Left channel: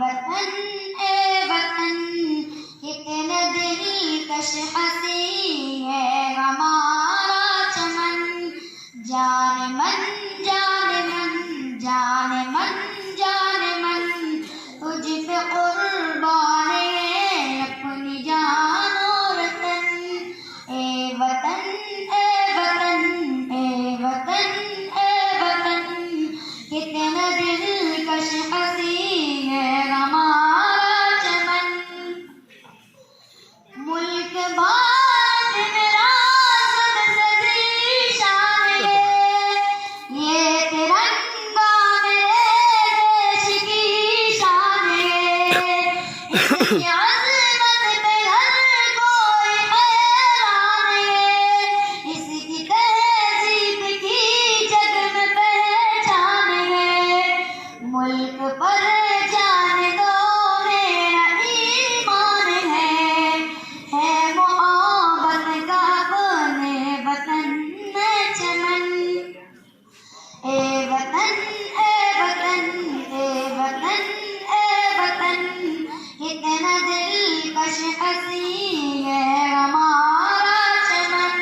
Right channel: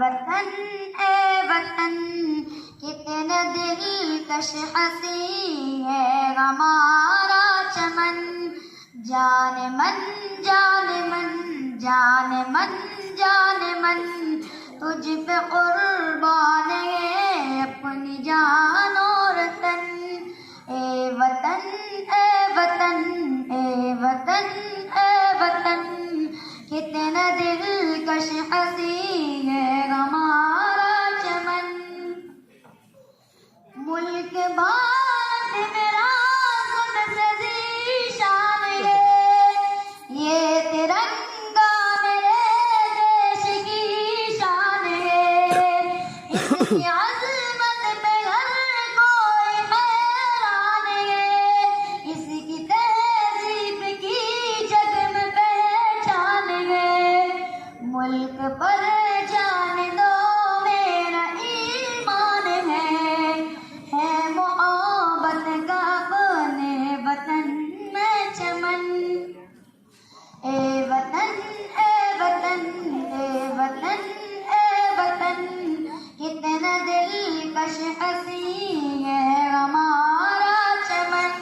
वतन ए वतन कितने दिलकश हंसी है हमारा चमन। जाने मन जाने मन जाने मन जाने मन तुझ पे कुर्बान है अपनी जान और तन। ए वतन ए वतन ए वतन ए वतन कितना दिलकश हंसी है हमारा चमन। मुल्क भारत मेरा सदी शान है, ये तिरंगा मेरे देश की शान है। इसकी अज़मत पे हर कोई हैरान है, इसकी तहज़ीब की जग में पहचान है। मुल्क पर जान दो मेरा ईमान है मोहब्बत का अपने वतन में चमन। ए वतन ए वतन ए वतन ए वतन कितना दिलकश हंसी है हमारा चमन।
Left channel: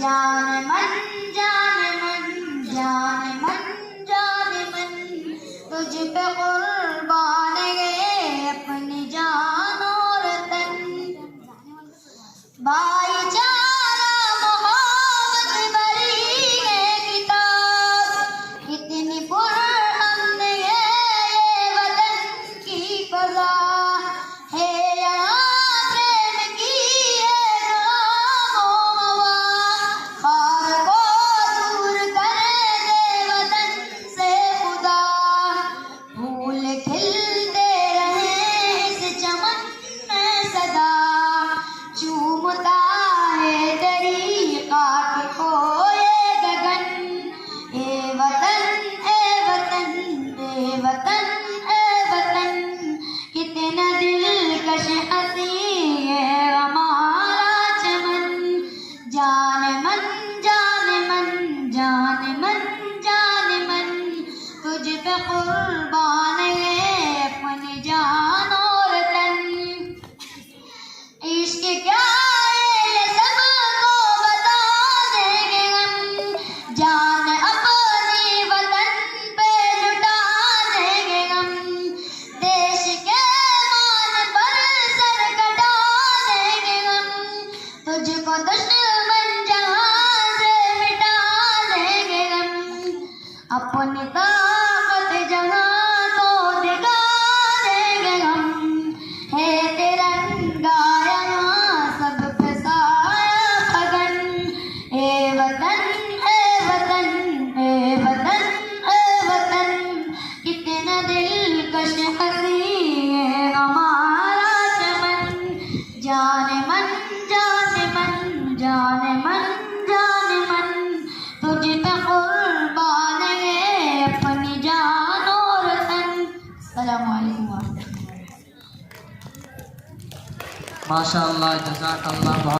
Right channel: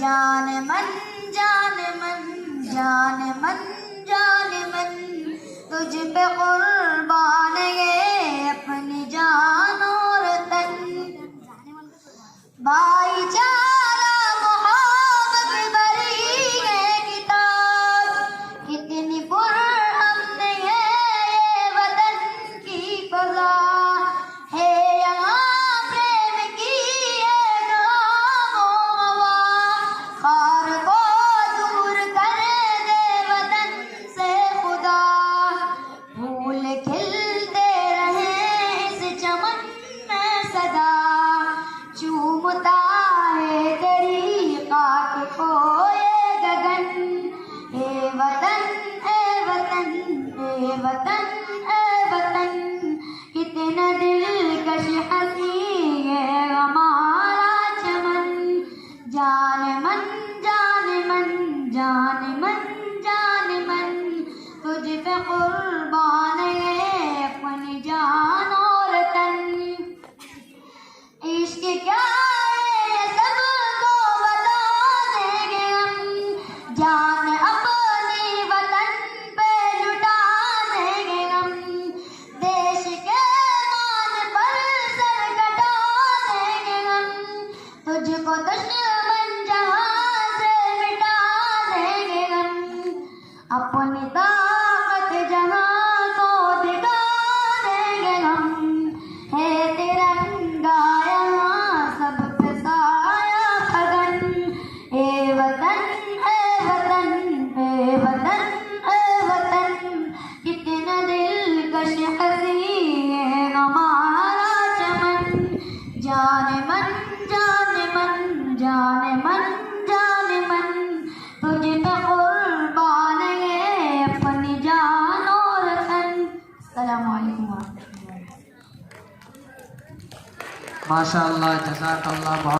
जान मन जान मन जान मन जान मन तुझ पे कुर्बान है अपनी जान और तन। भाईचारा मोहब्बत भरी है किताब, कितनी पुरअमन है ये वतन की फज़ा है। यहाँ प्रेम की है हवा, खार को दूर कर दे वतन से खुदा। फूल खिलते रहे इस चमन में सदा, चूमता है तेरी खाक को ये गगन। ए वतन ए वतन ए वतन ए वतन कितना दिलकश हंसी है हमारा चमन। जाने मन जाने मन जाने मन जाने मन तुझ पे कुर्बान है अपनी जान और तन। इश्क क्या है ये सबको बता देंगे हम, जान अपनी वतन पे लुटा देंगे हम। देश के मान पर सर कटा देंगे हम, तुझको दुश्मन जहां से मिटा देंगे हम। अपनी ताकत जहां को दिखा देंगे हम, है तिरंगा यहाँ सब पे साया फगन। ए वतन ए वतन ए वतन ए वतन कितना दिलकश हंसी है हमारा चमन। जाने मन जाने मन जाने मन जाने मन तुझ पे कुर्बान है अपनी जान और तन। अस्सलामु अलैकुम। माशाअल्लाह, जज़ाकल्लाह।